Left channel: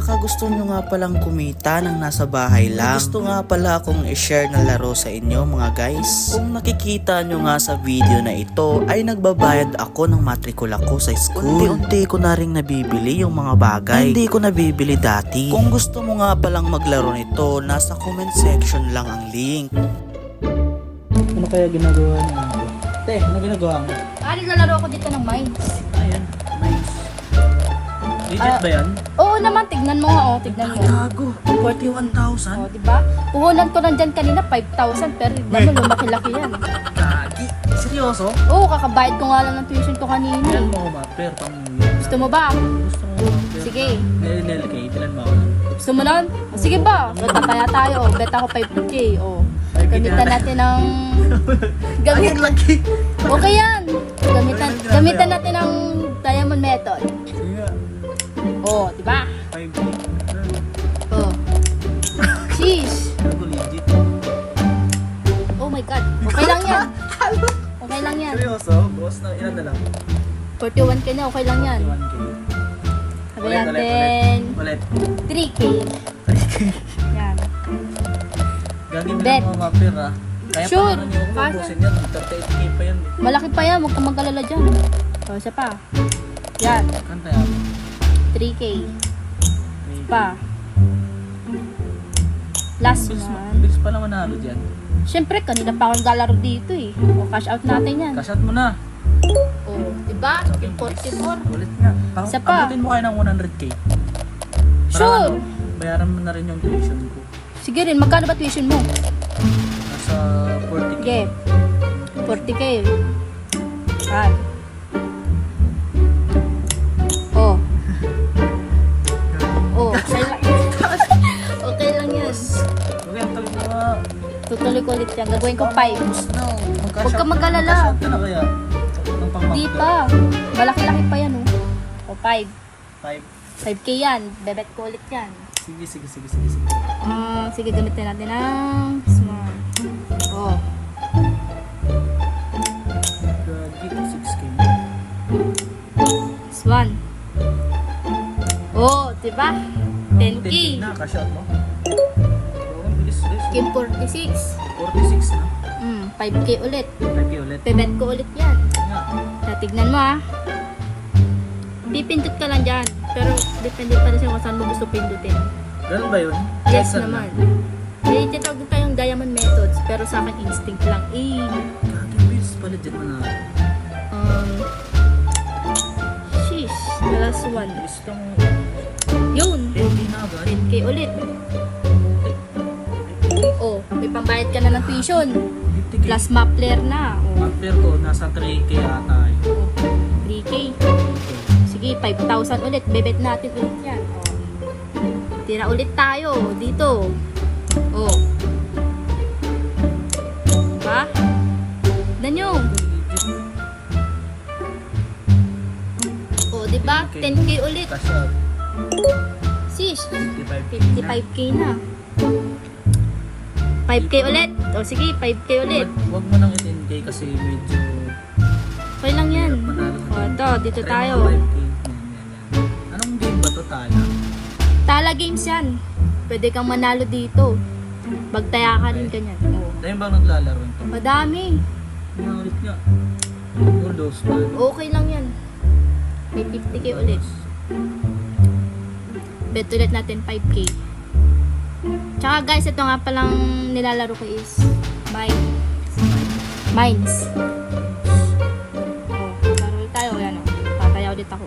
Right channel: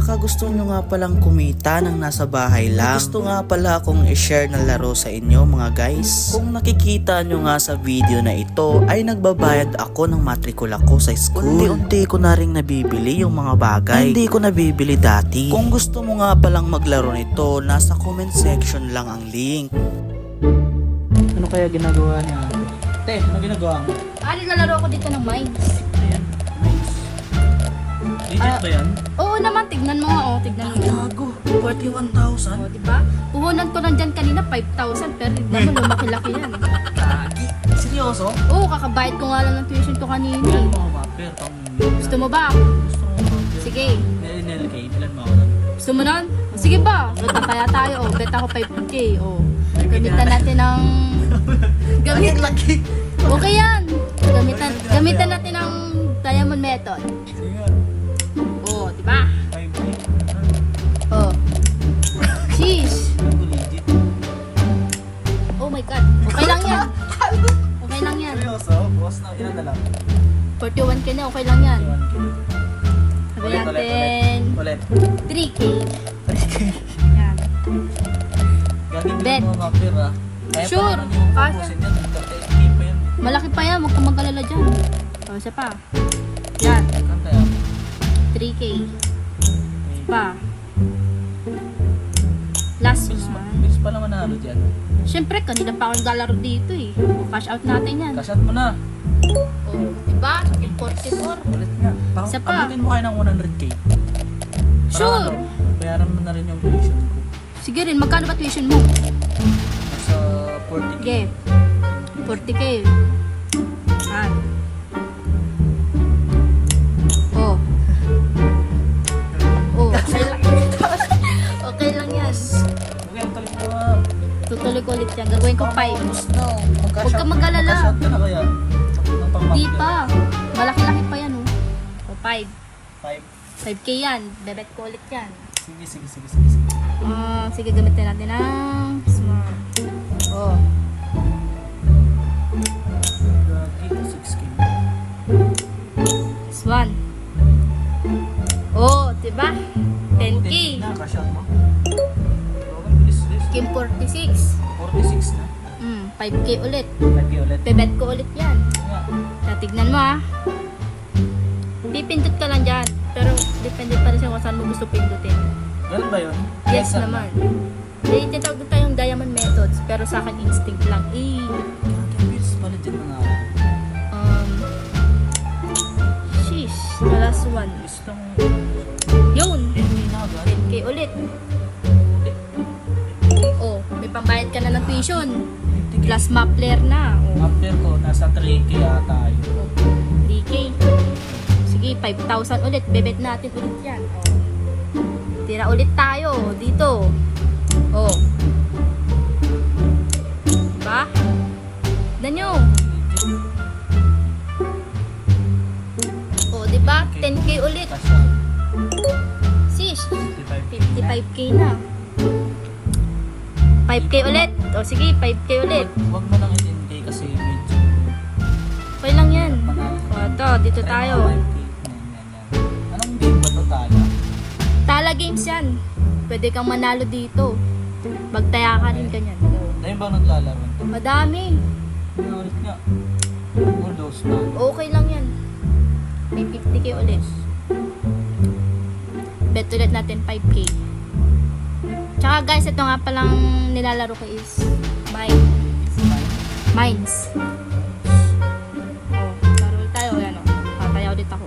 Baka gusto nyo nga palang kumita ng nasa bahay lang. Gusto nga pala akong i-share na laro sa inyo mga guys. Kung nakikita nyo nga sa video na ito ay nagbabayad ako ng matrikula ko sa school. Unti-unti ko na rin nabibili yung mga bagay hindi ko nabibili dati. Kung gusto mo nga palang maglaro nito, nasa comment section lang ang link. Ano kaya ginagawa niya? Te, ano ginagawa mo? Naglalaro ako dito ng mines. Ayan, nice. Legit ba yan? Oo naman, tignan mo nga, tignan mo. Gago, 41,000? Diba? Puhunan ko lang dyan kanina, 5,000, pero tignan mo, lumaki-laki yan. Gagi, seryoso? Oo, kakabayad ko nga lang ng tuition ko kanina. Ilan mo ako ba? Pero pang Gusto mo ba? Gusto mo ba? Sige. Nililkay, ilan mo ako? Gusto mo nun? Sige ba? So, tataya tayo, bet ako 5K. Gamitan natin ng... Laki! Okay yan! Gamitan natin ng diamond method. Sige nga. Diba? 5K. Sheesh! Gago, legit. Oh my God. Okay lang yan. Okay lang yan. Seryoso? Boss na ilan na lang? 41K na, okay lang yan. 21K. Sabi natin... Ulit. 3K. 3K. Yan. Gagi Bet. din mo mga pera. Kaya Sure. pa naman yung Kaya. ubusin yan. 38K pa yan. Malaki pa yan, huwag kang mag-alala dyan. Isa pa. Yan, Ano tayo? 3K. Pa. Last Bilis one. bilis pa naman nalo dyan. Siyempre, kanina pa akong naglalaro dito eh. Cash out natin yan. Cash out mo na. Diba? Yung 44. Ulit nga. Isa pa. Abutin mo kayo ng 100K. Para Sure. ano, bayaran mo na rin yung tuition ko. Sige rin, magkano ba tuition mo? Nasa 40K. Sige. 40K. Yan. Okay lang. Okay lang yan. Okay, ang talit mo. Tutuloy ko ulit yan. Gagawin ko 5. No. Huwag ka mag-alala. Mag-cash out ka na kaya. Ng pang-month Di ko. pa. Malaki-laki pa yan 5. 5. 5K yan. Bebet ko ulit yan. Sige. Sige, gamitin natin ng small. Gagi, 6K. This one. Diba? 10K. Na, cash out mo. Okay, bilis. Kim 46. 46 na. 5K ulit. 5K ulit. Bebet ko ulit yan. Nga. Tignan mo Pipindot ka lang dyan. Pero depende pa rin kung saan mo gusto pindutin. Ganun ba yun? Yes Saan naman. May tinatawag tayong diamond methods. Pero sa akin instinct lang. Gagi, bilis pa legit na na. Sheesh. The last one. Bilis lang. Yun. 10K na agad. 10K ulit. May pambayad ka na ng tuition. 50K. Plus Mapler na. After ko, nasa 3K ata yun. 3K. Sige, 5,000 ulit. Bebet natin ulit yan. Tira ulit tayo dito. Diba? Tignan nyo. Diba? 10K ulit. Cash out. Sis, 55K 55K na. 5K ulit. Sige, 5K ulit. Huwag mo nang 10K kasi medyo Okay lang yan. panalo. Ito, dito Try tayo. mo 5K. Yan. Anong game ba to tayo? Tala games yan. Pwede kang manalo dito. Magtaya ka rin ganyan. Dahil ba naglalaro ito? Madami. Ulit nga. Ulos ba? Okay lang yan. May 50K ulit. Bet ulit natin 5K. Tsaka guys, ito nga palang nilalaro ko is Mines. Laro ulit tayo. Yan tataya ulit ako.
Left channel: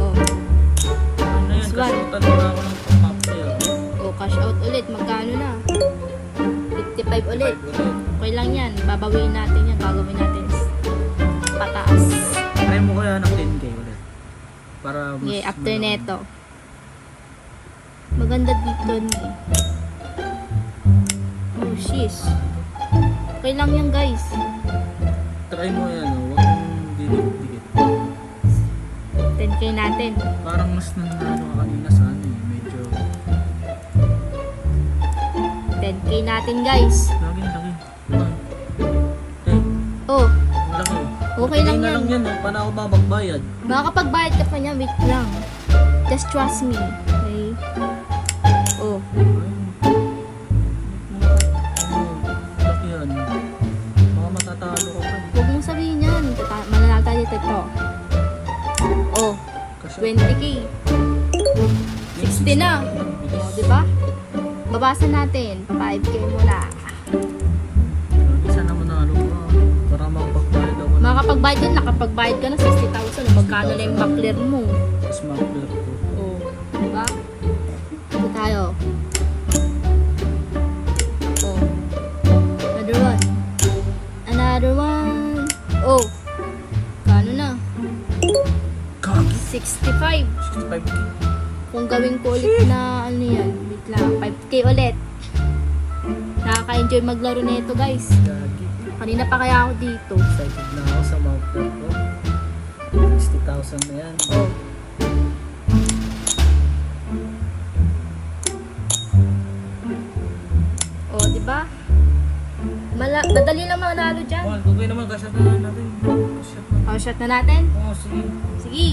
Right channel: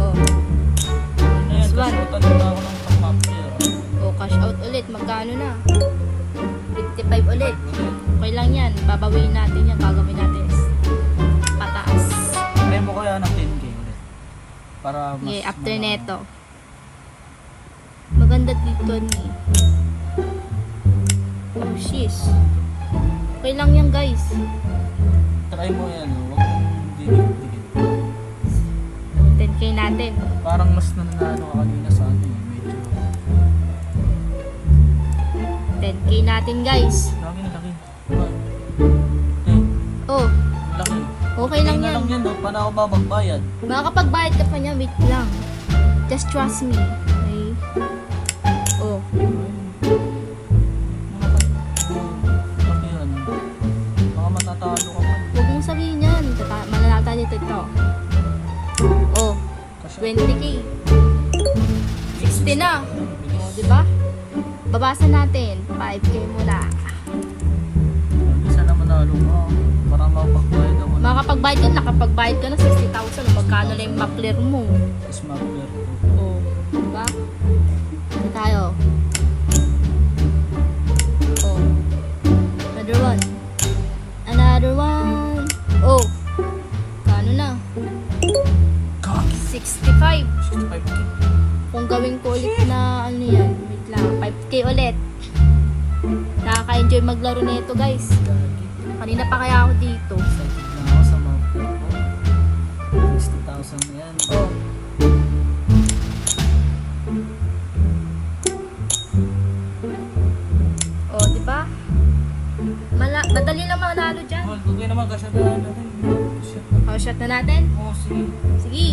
Ano yan? This one. Cash out na ako ng pang-after. Cash out ulit. Magkano na? 55 ulit. Ulit. Okay lang yan. Babawiin natin yan. Gagawin natin pataas. Try mo kaya ng 10K ulit. Para mas... Okay, after neto. Maganda dito ni. Sheesh. Okay lang yan guys. Try mo yan. Huwag mong didikit. 10K natin. Parang mas nanalo ka kanina sa ano eh. Medyo... 10K natin guys. Lagi. Oh, Laki. Okay lang Hindi na yan. lang yan, no? Paano ako ba magbayad? Makakapagbayad ka pa niya, wait lang. Just trust me. Okay? Oh. Bakit yan? Baka matatalo ka pa. Huwag mong sabihin yan. Mananata dito ito. Oh. Kasi 20k. 60 na. Oh, di ba? Babasan natin. 5k muna. isa naman na ano mo. Para mapagbayad ako. Makakapagbayad yun, nakapagbayad ka na 60,000. O magkano na yung makler mo? Tapos makler ko. Oh. Di ba? Ito tayo. Oh. Another one. Another one. Oh. Kano na? 65. 65k. Kung gawin ko ulit na ano yan, wait lang, 5k ulit. Nakaka-enjoy maglaro nito guys. Gagi. Kanina pa kaya ako dito. Excited na ako sa makler ko. 60,000 na yan. Oh. Oh, di ba? Madali lang manalo dyan. Oh, gagawin naman. Gasya na natin. Oh, shot na natin. Oh, sige. Sige.